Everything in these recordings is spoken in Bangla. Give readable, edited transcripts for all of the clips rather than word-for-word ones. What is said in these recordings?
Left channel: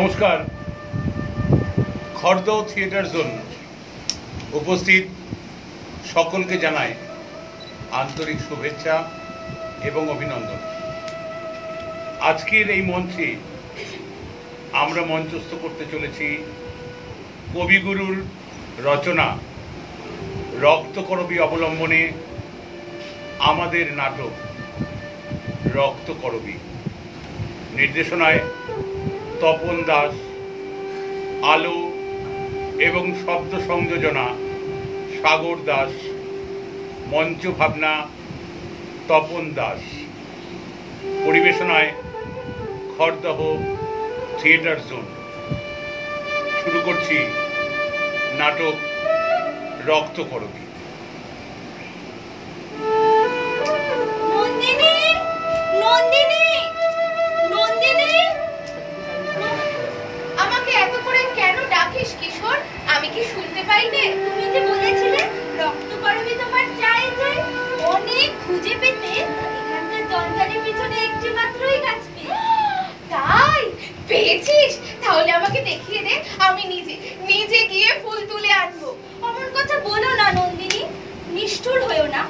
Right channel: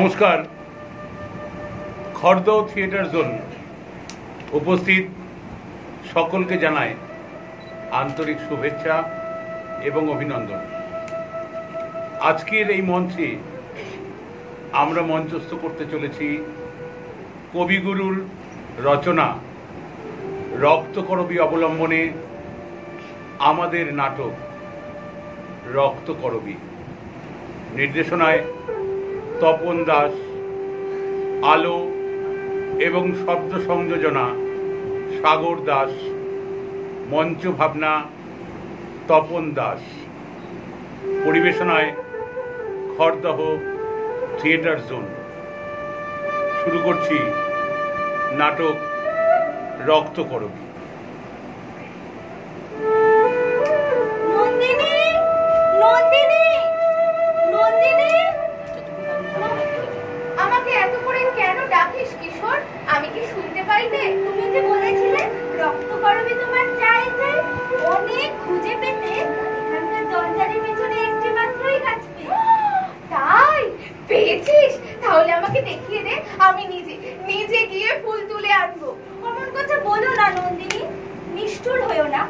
নমস্কার। খর্দ থিয়েটার জোন উপস্থিত সকলকে জানাই আন্তরিক শুভেচ্ছা এবং অভিনন্দন। আজকের এই মঞ্চে আমরা মঞ্চস্থ করতে চলেছি কবিগুরুর রচনা রক্তকরবী অবলম্বনে আমাদের নাটক রক্তকরবী। নির্দেশনায় তপন দাস, আলো এবং শব্দ সংযোজনা সাগর দাস, মঞ্চ ভাবনা তপন দাস, পরিবেশনায় খড়দহ থিয়েটার জোন। শুরু করছি নাটক রক্তকরবী। আমি কি শুনতে পাইনি? তুমি যে বলেছিলে রক্তকরবী তোমার চাই চাই, অনেক খুঁজে পেতে এখানকার জঞ্জালের পিছনে একটি মাত্রই গাছ পেয়ে। তাই পেয়েছিস? তাহলে আমাকে দেখিয়ে দে, আমি নিজে গিয়ে ফুল তুলে আনবো। অমন কথা বলো না নন্দিনী, নিষ্ঠুর হয়েও না।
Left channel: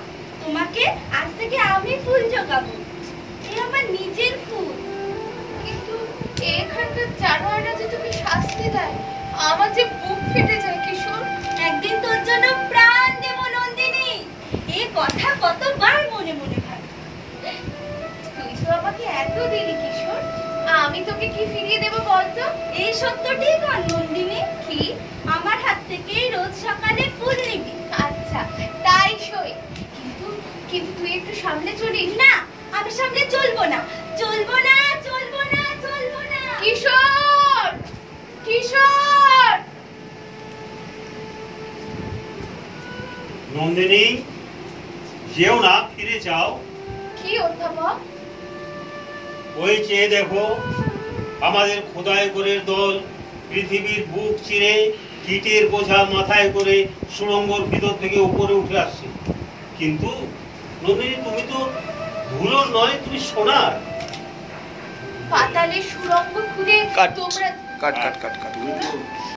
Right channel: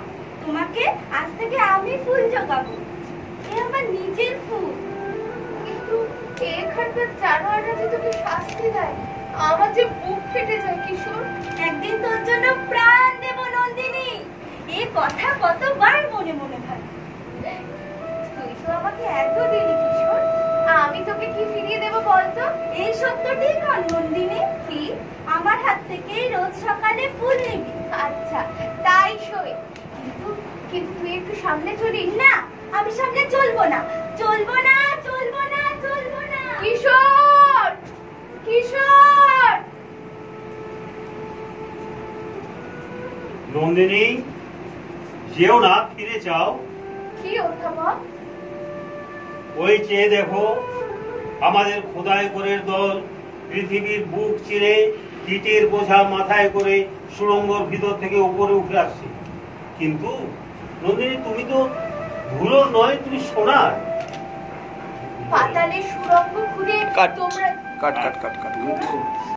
তোমাকে আজ থেকে আমি ফুল জোগাবো, এ আমার নিজের ফুল। কিন্তু এখানকার জানোয়াররা যে তোকে শাস্তি দেয়, আমার যে বুক ফেটে যায় কিশোর। একদিন তোর জন্য প্রাণ দেব নন্দিনী, এই কথা কতবার মনে মনে ভাবি। তুই তো আমাকে এত দিলি কিশোর, আমি তোকে কি ফিরিয়ে দেব বলতো? এই সত্যটি কর নন্দিনী, কি আমার হাত থেকেই রোজ সকালে ফুল নিবি? আচ্ছা তাই সই, কিন্তু তুই একটু সামনে চলিস না। আমি সামনে চলবো না, চলবো না, চলবো না, চলবো না। কিশোর, কিশোর। নন্দিনী, যেও না, ফিরে যাও। কি অধ্যাপক? ওই চেয়ে দেখো, আমাদের খোদাই করে দল পৃথিবীর বুক চিরে কীটের বোঝা মাথায় করে সুড়ঙ্গর ভিতর থেকে উপরে উঠে আসছে। কিন্তু নন্দিনী, তুমি তো ধুলোর নয়, তুমি সোনার। পাতালে সুড়ঙ্গ খুঁড়ে তোমরা কাট